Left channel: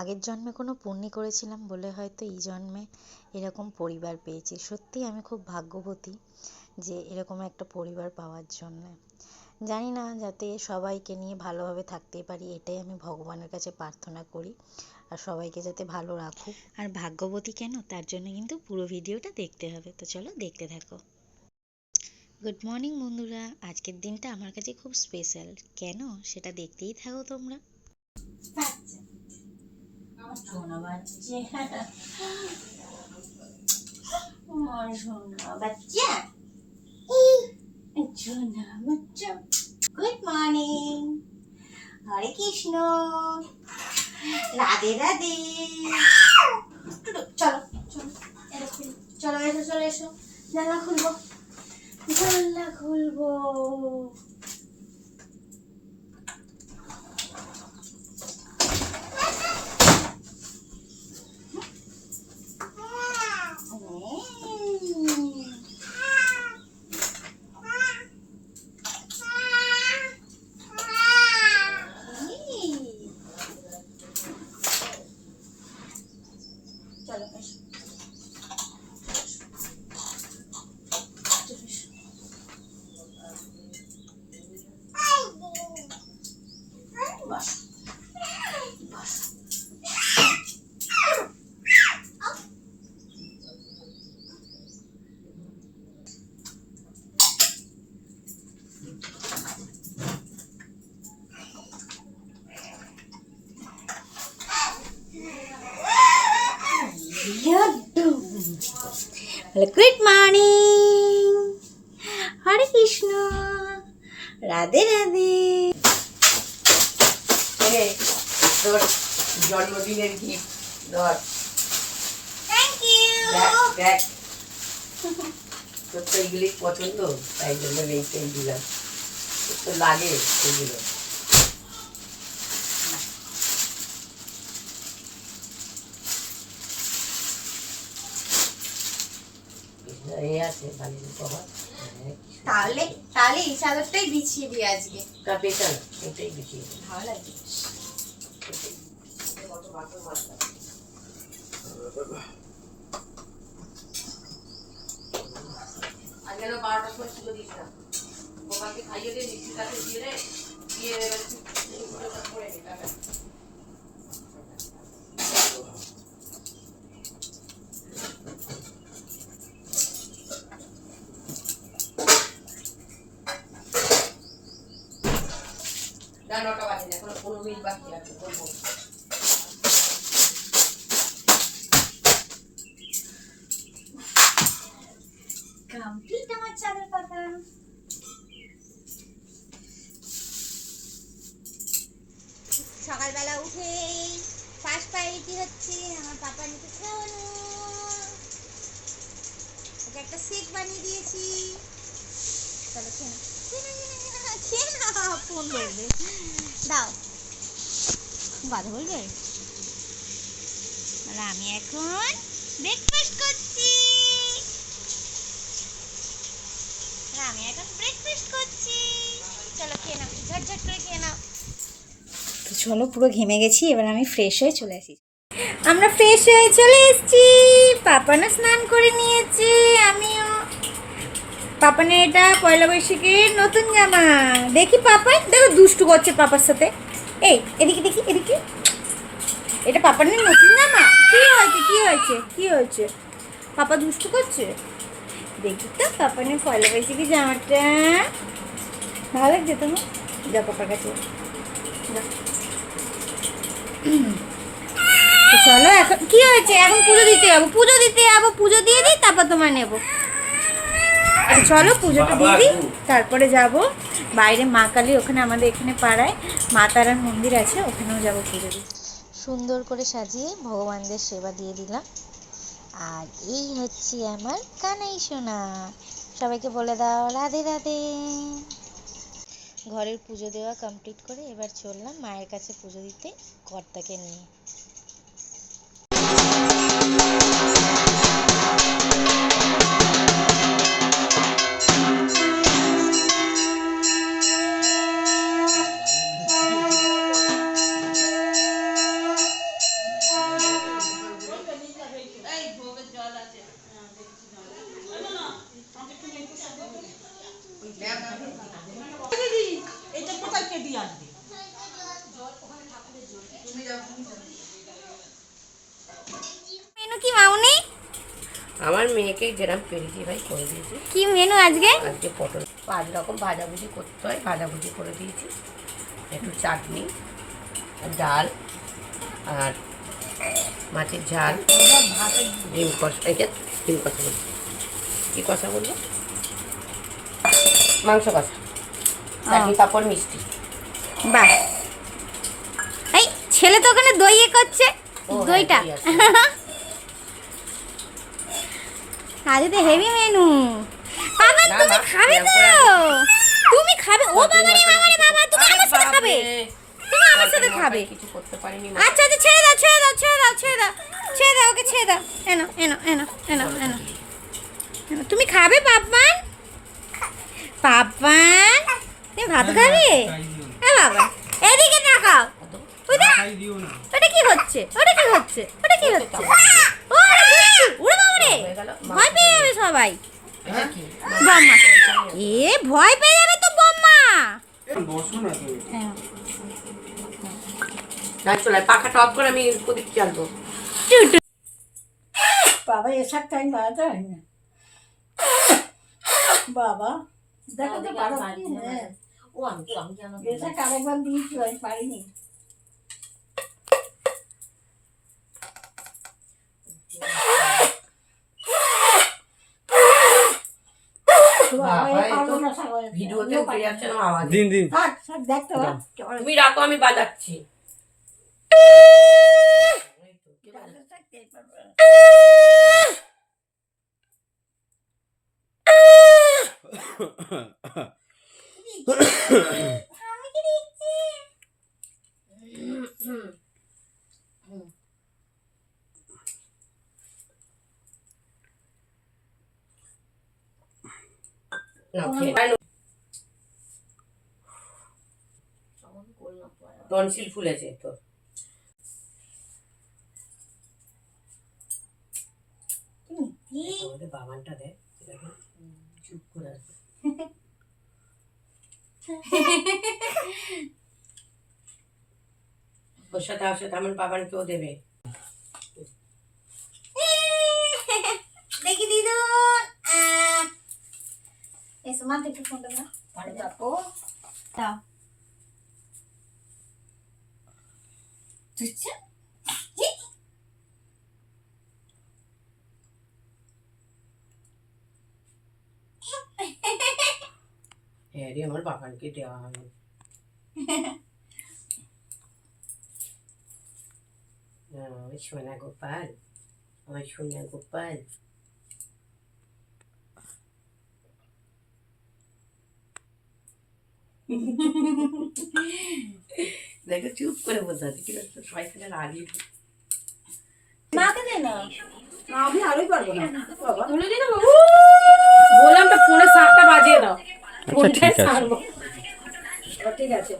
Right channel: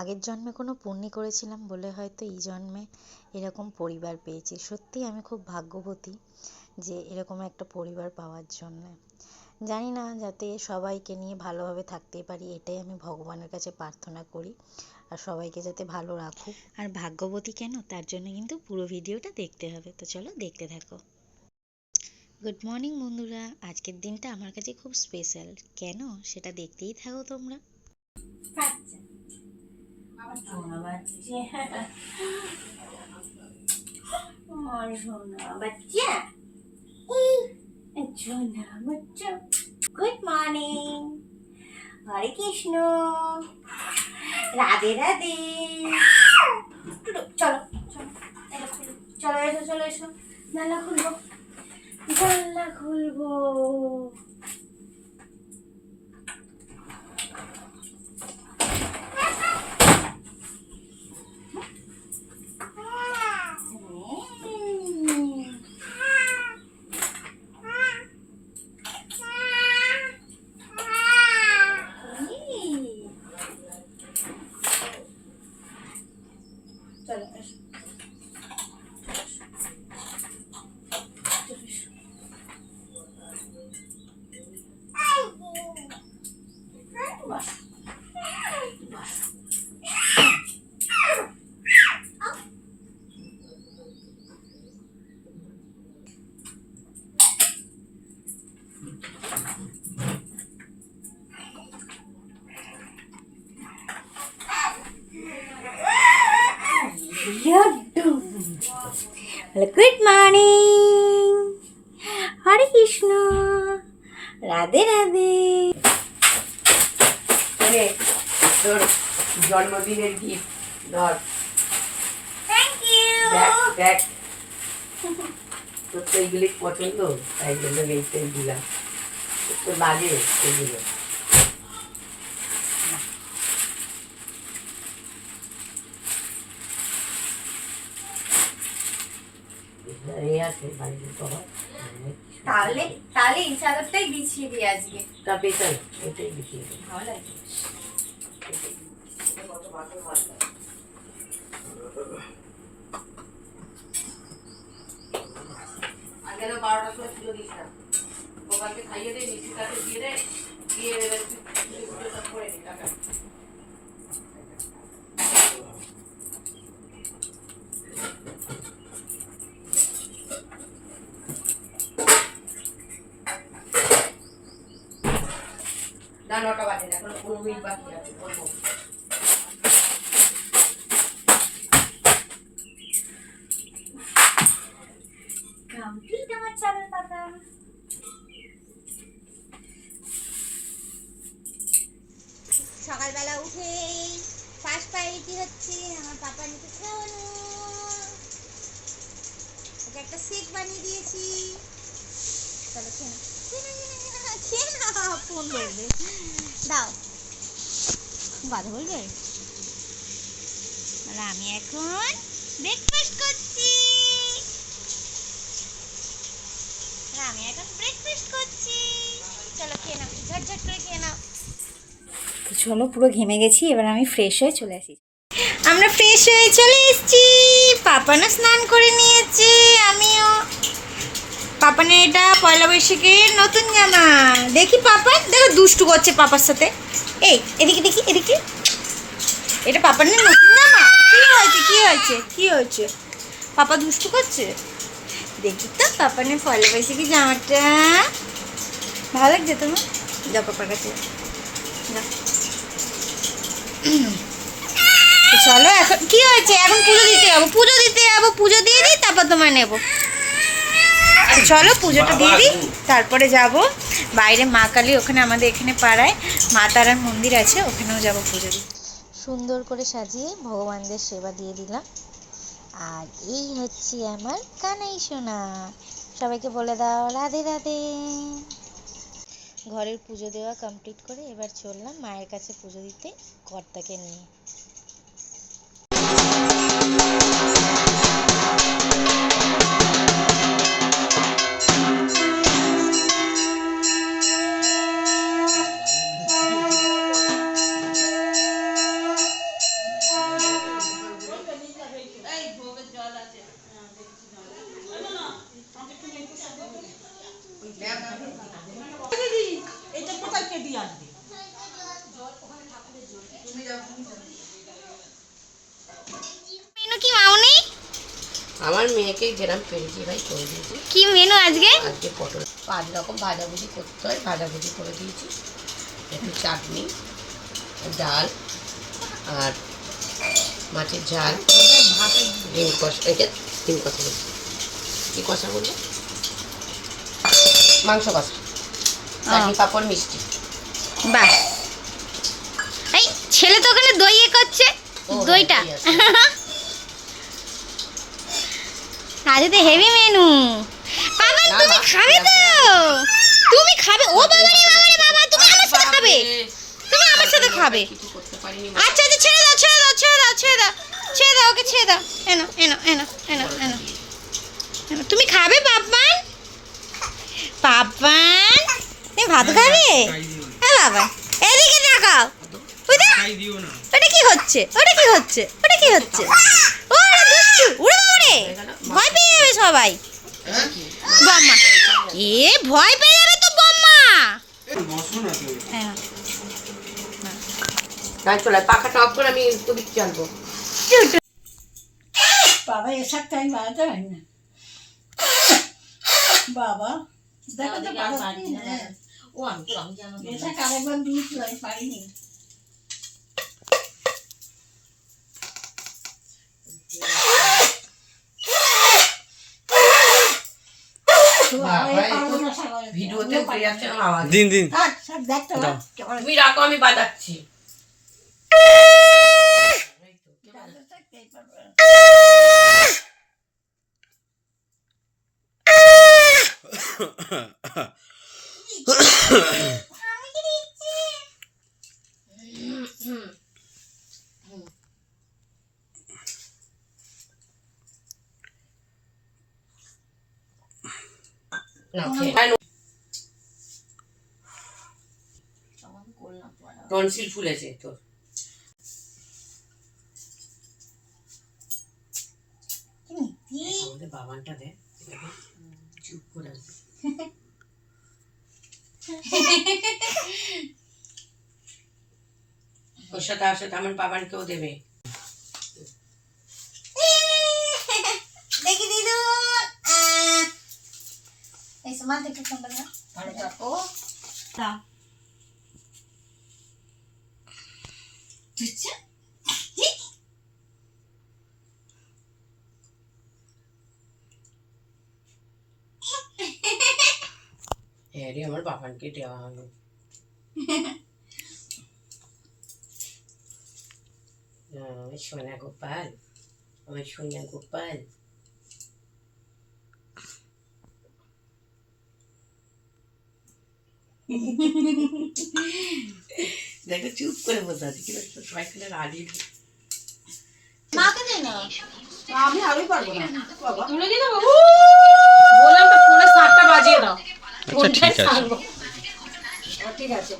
আগের জন্মে কোনো পুণ্যি করেছিলাম বলে হয়তো এই জন্মে এরকম পরিবার পেয়েছি। সত্যিই আমি খুব ভাগ্যবতী যে এরকম একটা পরিবার পাওয়ার জন্যে। জানি না, যাতে সবাইকে নিয়ে ভালোভাবে থাকতে পারি, এটাই আমি ভগবানের কাছে প্রার্থনা করি। আর সবাইকে যাতে ভালো রাখুক। আর ভাগ্যবতী কেন, তার জন্য কিন্তু পুরো ভিডিওটা দেখতে হবে। তো চলো দেখতে থাকো। গুড মর্নিং বন্ধুরা, আজকের দিনটা আমার কাছে খুব স্পেশাল। কেন সেটা দেখতেই থাকো তোমরা। সোনা বাচ্চা, আমার সোনা বাচ্চা, সোনা বাচ্চা। Good morning, Hare Krishna, Radhe Radhe. চলো চলো, এটা খুলো, চলো এসো, চলো এসো, জানলা খুলবো, জানলা খুলবো। চলো এসো, বাস বাস। Good morning, Hare Krishna, Radhe Radhe. তোর জন্মদিনের গিফট ধর। Thank you. দেখ তোর তো এইগুলি পছন্দ, তাই জন্য এইটাই দিলাম। তোর তো লাগে এগুলো। এই আছে বাড়ির কভার। তাহলে তাহলে এই চাদরটাই বিছিয়ে দিই আজকে। কাপে চাল এটাই বেশি ভালো লাগে। আগে 12টার সময় ছিল দিস না, দোকানকে খাইয়ে দে, মিষ্টিটাকে দিয়ে দে, দিয়ে এবার করে নি টাকা। না 9টা বাজে না, এখন 15 মিনিট বাকি আছে, করবো। কমপ্লিট আমার চাদর পাতা। সকালবেলা উঠে ফার্স্ট প্রায়োরিটি হচ্ছে আমার পাপা নিতে খাওয়ানো। ওকে একটা শেক বানিয়ে দিয়েছি। চলো খেয়ে নাও, খেয়ে নাও, ফোন ধরবে, দাও, কথা বলবে। আমি এখন ব্রেকফাস্ট করছি। চলো খেয়ে নাও, ঝটঝট করে খেয়ে নাও। তো চলো, পুরো ঘেমে গেছি, এবার আমি ফ্রেশ হয়ে চলে আসি। আমরা ফ্রেশ হয়ে চলে এসেছি। পাপানও স্নান করে নিয়েছে, আমিও। পাপানের এটা পয়লা বৈশাখের নতুন জামা। দেখি পাপান, দেখো দুষ্টু করছে পাপার সাথে। এই এদিকে দেখি, এদিকে। এটা পাপানের নতুন জামা। কি হয়েছে, কি হয়েছে, কি হয়েছে? পাপা দুষ্টু করছে। দেখি তো পাপানের পয়লা বৈশাখী জামাটা ভালো লাগছে তোমার? যাও পাপার কাছে, চলো। এখন কি হয়েছে? এখন পুজো দিতে যাবো, পুজো দিতে যাবো, পুজো দিয়ে দিই, তারপর তোমার নেবো। চলো পুজোটা দিয়ে দিই, তারপরে যাব বাইরে মা কালী, ওখানে আমাদের এখানে পাড়ায় মা তারার মন্দির আছে, ওখানেও যাবো পুজো দিই। সুন্দর করে সাজিয়ে ভগবানদের সেবা দিয়ে দিলাম। আর এই হচ্ছে আমার কানাই সোনা। সবাইকে বলে দাও রাধে রাধে। ঘরের পুজো দেওয়া কমপ্লিট করে এবার চললাম মায়ের কাছে পুজো দিতে, কর্তাকে নিয়ে। মেনু কি মাউনি? আমার মেয়েকে যেরকম পেরেছি ভাই করে দিয়েছি। কি মেনু আজকে? আজকে পটল 5 রকম ভাজাভুজি করতে হয়, ভাজাভুজি করে দিয়েছি, একটু চাটনি, ডাল আর মাছের ঝাল, ডিম কষা। এটা ডিম কষা বলছি, কী কষা বললো? মাংস কষা, চাটনি, পাঁপড়, মিষ্টি। বাহ, এই ছেলে তো ওখানে দই করছে, ও, দইটা হ্যাঁ, দই আছে। আজকে তো হেভি মেনু। বাবা না, তুমি না, খাবে তো? তুমি খাবে? ও বাবা রে বাবা রে বাবা, তুমি আমার সাথে খাবে, তুমি আমার সাথে খাবে। কিছু করতে পারিনি। আচ্ছা আচ্ছা, ছেড়ে দাও ছেড়ে দাও ছেড়ে দাও ছেড়ে দাও ছেড়ে দাও, ওকে ছেড়ে দাও। এনো এনো এনো এনো এনো এনো, তুমি খাবে পাপ্পান? পাপ্পান তুমি ভাত খাবে? হ্যাঁ বাবা, এদিকে তাকাও। ওই দেখ, ওটা কি হচ্ছে, ওটা কি হচ্ছে, ওটা কি হচ্ছে? ওরে দুষ্টু, ওরে বাবা রে, ভয় পেয়ে যাবে সবাই। বম্মা, এ ভয় পেয়ে যাবে তো বম্মা। হ্যাঁ না, চলে পাখাটা অফ করে আমি ওদিক চালবো। বাবা এসব টাইম বাড়াতে হয় না বাবা, দেখো তো পারছি না। ও আমি জানো এটা কারেকবার দিয়েছি, আমি পারিনি। ভিডিওতে উঠে যাচ্ছে না আওয়াজ। দিন দিন দেখতে তুমি রাখো, আমি বাজাচ্ছি। টনসিল ফুলেছে তোর। আমাদের বাবানটা দেখ, চুপ করে আছে। ওর সাথে আমার বাবানকেও দেবে। দেখি দিদু, এই সমান থেকে ফোন না ও তা তুচ্ছা হ্যাঁ রে, আমার বাবানকে দেওয়া হলো। ওই সোনা গোপাল, আমার সোনা গোপাল। দেখো চুপ করে বসে আছে, কিন্তু সবাই খেলে রাজি। মাকে দে না, আমি আরোই পারবো না বাবা। তুলে দিই না বাবু, বললাম তো ফোনে 7টা বাজিয়ে দাও। আচ্ছা ঠিক আছে। ঠিক আছে।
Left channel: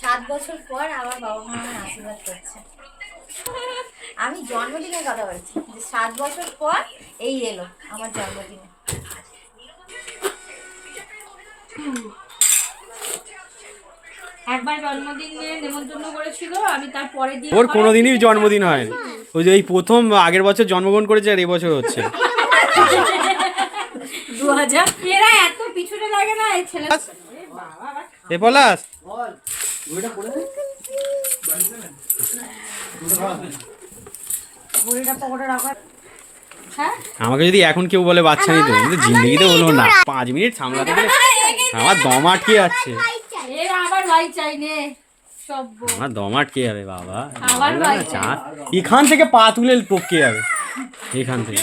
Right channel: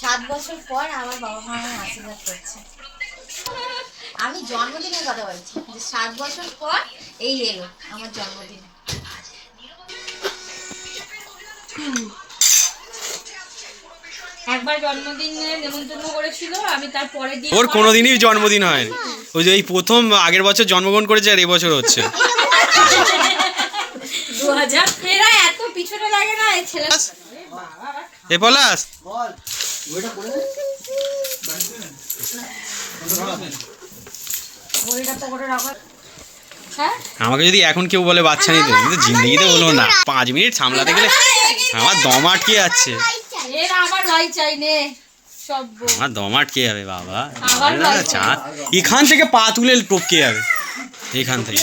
সাত বছর পর আমার বাবা মা আমার আশীর্বাদ করছে। আমি জন্মদিনের কথা বলছি, যে 7 বছর পর এই এলো আমার জন্মদিনে। একবার জন্মদিনে নেমন্তন্ন করেছিল, আমি তার পরের দিন ওর কোনোদিনই জন্মদিন হয়নি, ওই যে এই প্রথম আগের বছর জন্মগ্রহণ করেছে আর এবছর হচ্ছে। 2000 এরা এত পিছনে লাগে না এই ছেলে। এ পলাশ, আমাকে যদি এখন কেউ বলে বাচ্চা নিতে, কিন্তু জিন্দগিতে বলবো না। 5 মিনিট সামলাতে গেলে আমার দম আটকে যাচ্ছে, এরা আবার লাই চাই নে সব। আমার দম আটকে যাবে বাবা। চা এখান থেকে পা তুলে টপকে যাবে, এখান থেকে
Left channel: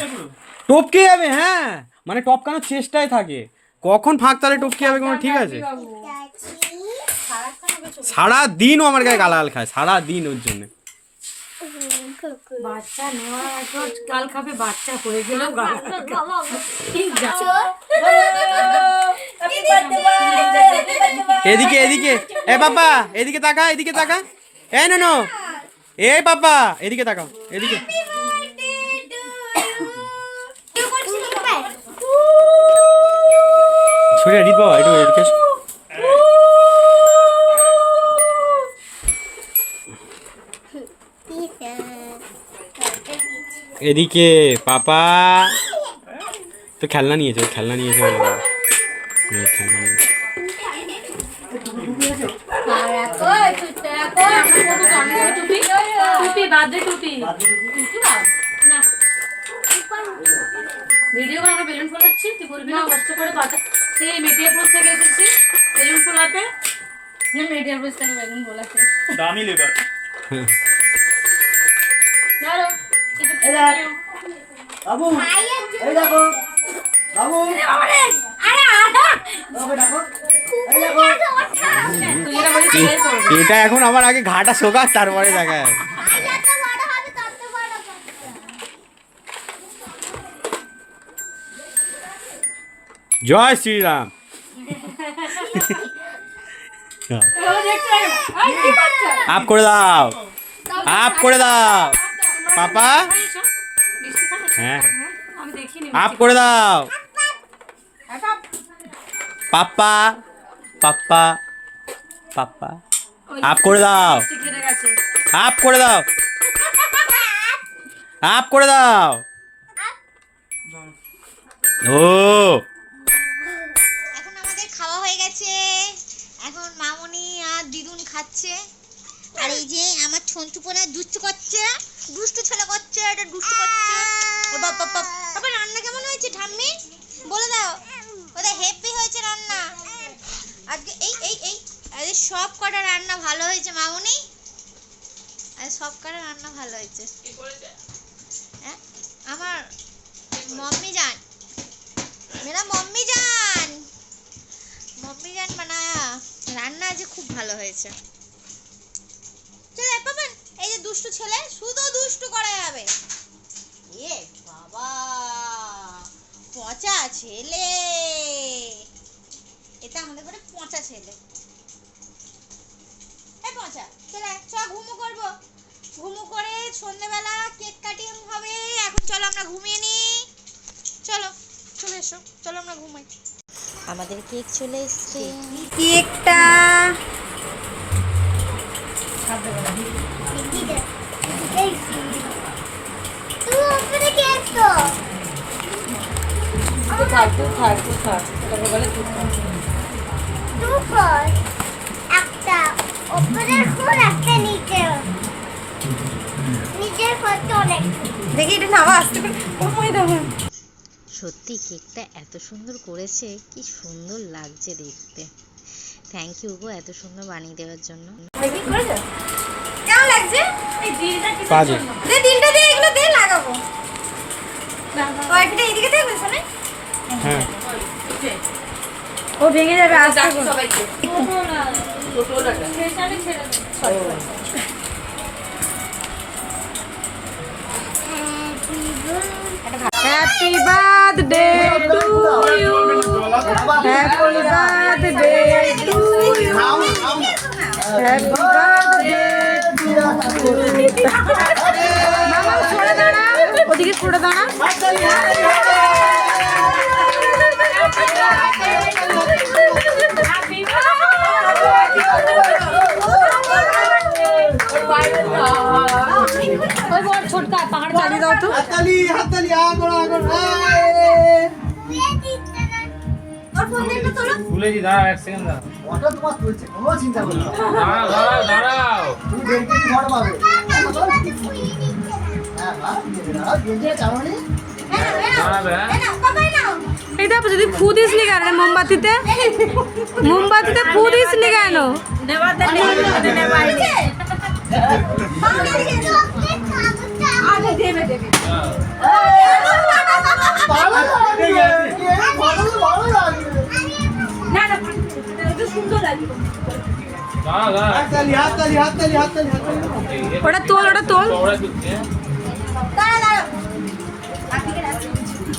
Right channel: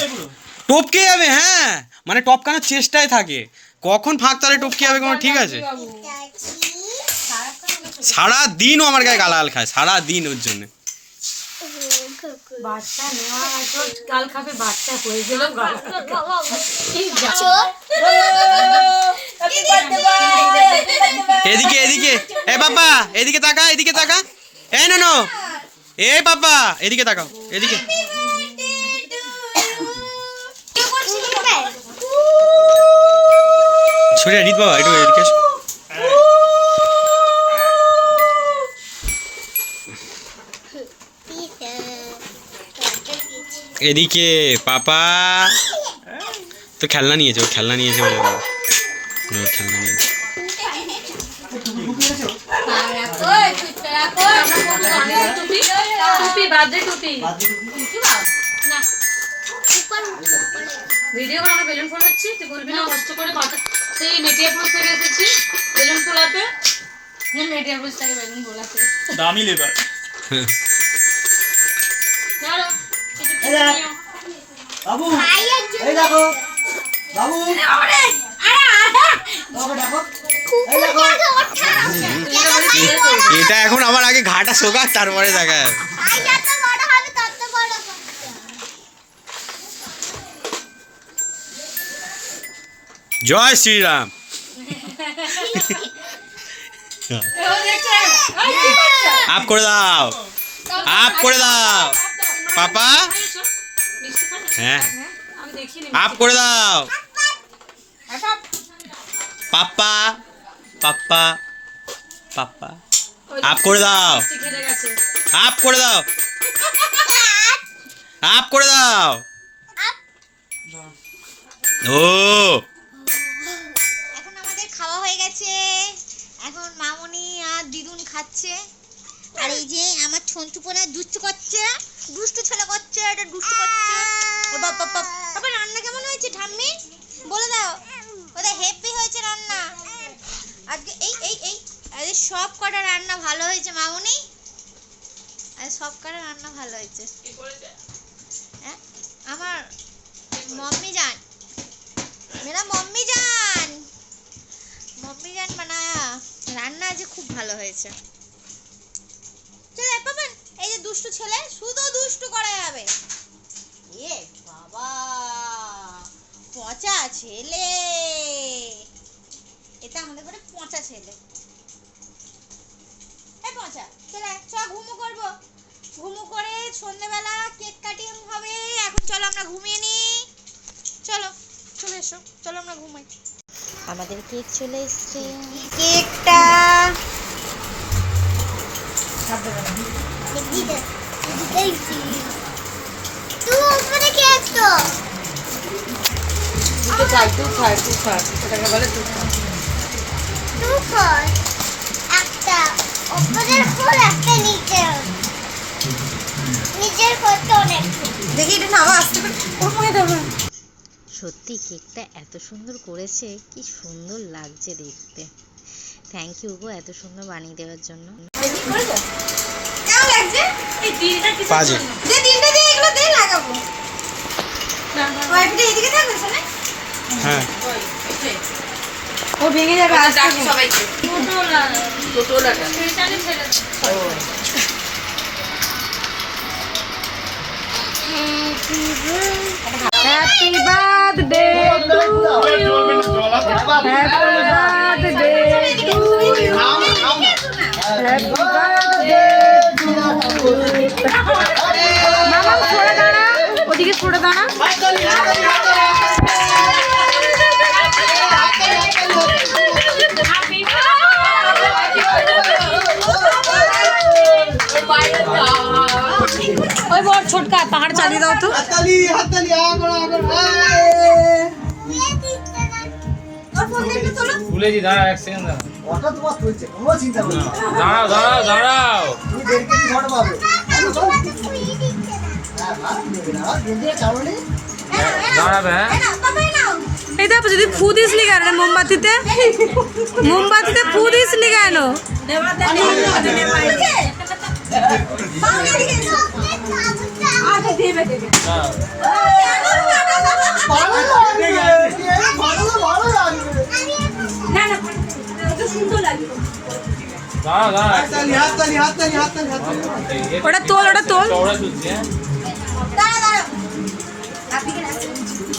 টপকে যাবে। হ্যাঁ মানে টপকানোর চেষ্টায় থাকে, কখন ফাঁক তালে টপকে যাবে কোনো ঠিক আছে? সারা দিনও আমার গায়ে গালাগাল খায়, সারা দিন ওর জন্য। বাচ্চা নেওয়া তো কাল খাবে, বাচ্চা হয়ে গেল। এদিকে এদিকে, এ বাবা এদিকে তাকা, এদিকে তাকা। এ নো এ বাবা এদিকে তাকাও, এদিকে। সরে রিত বাবা একটু এদিকে এসো। এদিকে পাপা তো খেলনা নিয়েছে, ও খেলনা নিয়েছে বলে না। ও খেলনা নিয়েছে। টুপি বাজে টুপি না ভিডিও করে আমরা বেলুন ফোলাচ্ছি, তুই বলবি না কষ্ট করে বাতা সেই মেটিয়াপুর থেকে এসেছি বেলুন ফোলাতে। মেটিয়াপুর থেকে বেলুন ফোলাতে দামি লেবার। চলো বাবু এই দেখো বাবু এটা এখন আবার আগে ঘাটা শোকাক তারপরে দেখা যাবে। জয় শ্রীরাম। আপ করে দাও, আপ করে দাও পাপা। হ্যাঁ আমি দেখিনি আপ করে দাও পাপা, পাপা পাপা আপ করে দাও, ঘিরে গেছে। আপ করে দাও, আপ করে দাও। ও এখন আমাদের খাওয়া হয়ে গেছে, এখন মামনি আর দিদুন খাচ্ছে। আর এই যে আমার ছন্তুপনা দুষ্টু করছে, দুষ্টু ছেলে করছে, এটা দুষ্টু করছে। ও বাবা বাবা রান্না কেমন হয়েছে ঠাম্মি বলে দাও। ওদের হেভি হয়েছে রান্না আজকে। এই এই এই আরে সব কটা রান্না ভালো হয়েছে মামনি, আরে সব কটা রান্না ভালো হয়েছে। হ্যাঁ আমার मम्मी जान, मेरा मम्मी जान बनाया। রান্না আজ খুব ভালো হয়েছে। চলে পাবেন এই যে দুষ্টু ছেলে শুধু দুষ্টু করে যাবে। এ বাবা পচা ছেলে, এটা আমাদের ঘরে পচা ছেলে। এই পচা চলে চ ঘুমো করবো, ঘুমো করে সন্ধ্যেবেলা কেক কাটিং হবে। এখন চলো আমরা ঘুমিয়ে নি, চলো চলে এসো, চলো আমরা ঘুমাই। আমাদের কেক চলে এসছে। কেকটা তুই খাই তুই খাই তুই খা, সেটাকে বলে তুই খা। দেখি এটা নাও আসতে করে। সত্যি কেকটা এত সুন্দর করেছে, কি সুন্দর লাগছে দেখতে। থ্যাংক ইউ গো এত সুন্দর বানিয়ে দেওয়ার জন্য। কেমন লাগছে? বাজে যে তিনটা দিয়ে এগুলো দিয়ে লাগাবো। ওয়াইফটা এদিকে থাকবে শোনে। হ্যাঁ ও ভেঙে যাবে আস্তে ডাক করে। সবাইকে টোটো লাগা। Happy birthday to you. Happy birthday to you. Happy birthday to you. মামা সরে দাঁড়া, ওদিকে সরে দাঁড়া। ওই বড় ছোটকা পাহাড় চালিয়ে দাও তো। হাততালি হাততালি আগড় আগড় ভুলেছি, দাঁড়াও এক সেকেন্ড দাঁড়াও। ওটা তোমার চলছে, কোনো চিন্তা করো না। দাঁড়াও দাঁড়াও দাঁড়াও। তুমি 1.5 কেজি ঘর পাবে। হ্যাঁ মা নেবে না, দুধে কারণে দাঁড়াবে হ্যাঁ। এই দেখো যদি ফু দিসলি কেন মোমবাতিতে, মোমবাতিতে ফু দিসলি কেন? ভালো লাগে, ভালো লাগে। দাঁড়াও দাঁড়াও। হাততালি হাততালি হাততালি হাততালি হাততালি। ওটা তোল, ওটা তোল। চওড়া চলছে হ্যাঁ।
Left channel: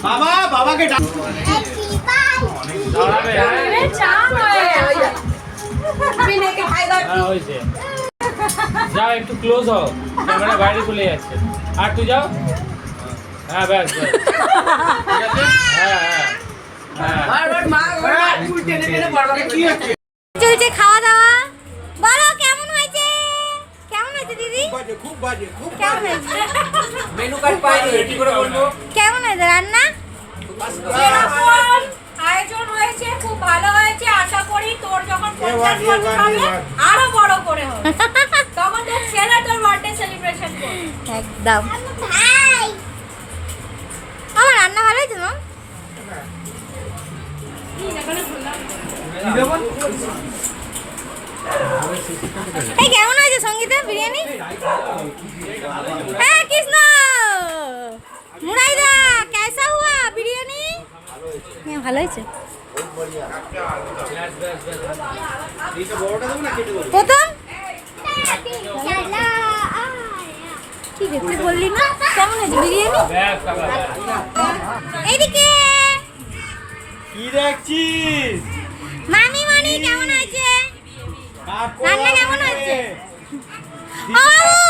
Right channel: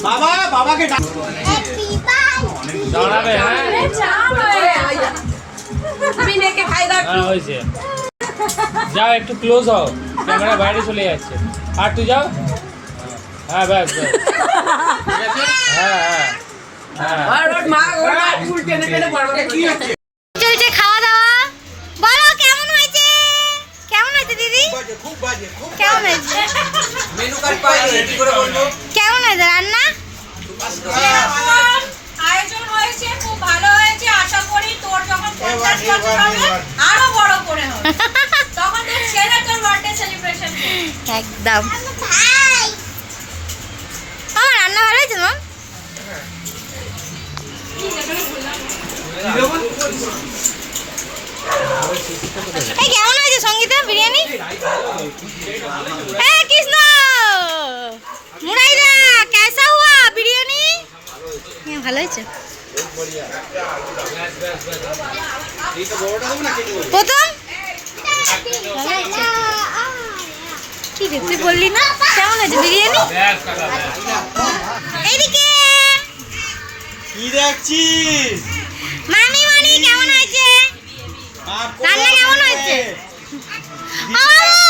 বাবা বাবাকে ডাক। দাঁড়াবে হ্যাঁ। হ্যাঁ হয়েছে। যাও একটু ক্লোজ হও, ক্যামেরা বাইরে চলে যাচ্ছে। আর তুই যাও। হ্যাঁ ব্যাস ব্যাস। ঠিক আছে হ্যাঁ হ্যাঁ হ্যাঁ। চলছে খাওয়া দাওয়া। বলো কেমন হয়েছে? কেমন হয়েছে দিদি? কেমন হয়েছে? কেমন হয়েছে রান্না? আয়োজন হয়েছে, খুব ভালো হয়েছে। আশা করি তোর যখন 50 বছর হবে আরো বড় করে হবে, তখন তোর ছেলে তোর বার্থডে সেলিব্রেশন করবে। একদম। আমার রান্না ভালো হয়েছে মা? এই কেমন হয়েছে সঙ্গীতা বিরিয়ানি? হ্যাঁ কৃষ্ণ মুরাইদা কেসা হুয়া বিরিয়ানি? হ্যাঁ ভালো হয়েছে। প্রথম কি রে তুই বললি না কেমন হয়েছে বিরিয়ানি? এইদিকে কি দেখছিস? মামি মনি কেমন হয়েছে? রান্না কেমন হয়েছে? ও মামু,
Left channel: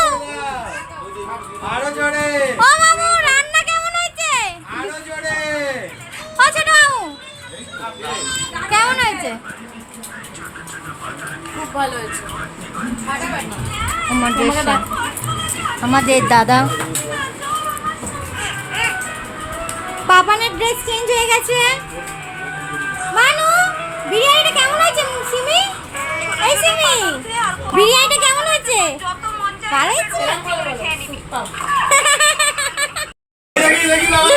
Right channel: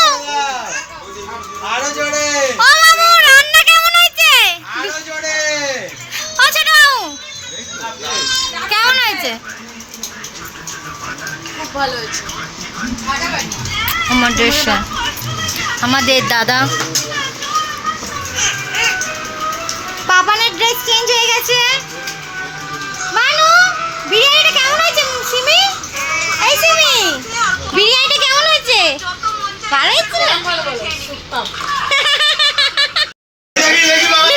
আরো জোরে, ও মামু রান্না কেমন হয়েছে? আরো জোরে। ও ছোট মামু কেমন হয়েছে? আমাদের দাদা পাপানের ড্রেস চেঞ্জ হয়ে গেছে। মানু বিরিয়ানিটা কেমন হয়েছে? সিমি এই সিমি বিরিয়ানিটা কেমন হয়েছে? ভালো হয়েছে? দেখি দেখি বাবা।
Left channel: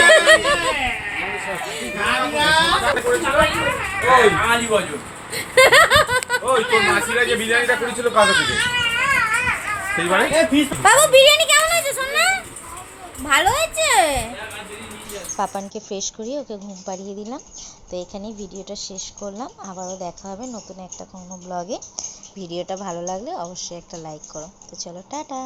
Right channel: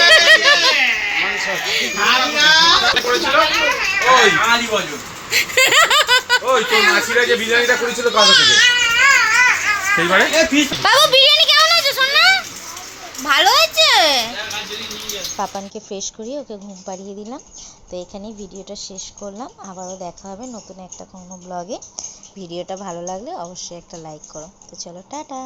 ওই আলি বাজু ওই তোর মাসিরা যে বিরিয়ানিটা করেছিল পাশে থেকে সেইবারে বাবু বিরিয়ানি কেমন হয়েছে সোনা? ভালো হয়েছে। পাপানকে ফ্রেশ করিয়ে ওকে ঘুম পাড়িয়ে দিলাম। তো এখানেই ভিডিওটা শেষ করলাম। আবারও দেখা হবে নতুন একটা কোনো ব্লগে। ভিডিওটা ভালো লাগলে অবশ্যই একটা লাইক করো। তো চলো টাটা।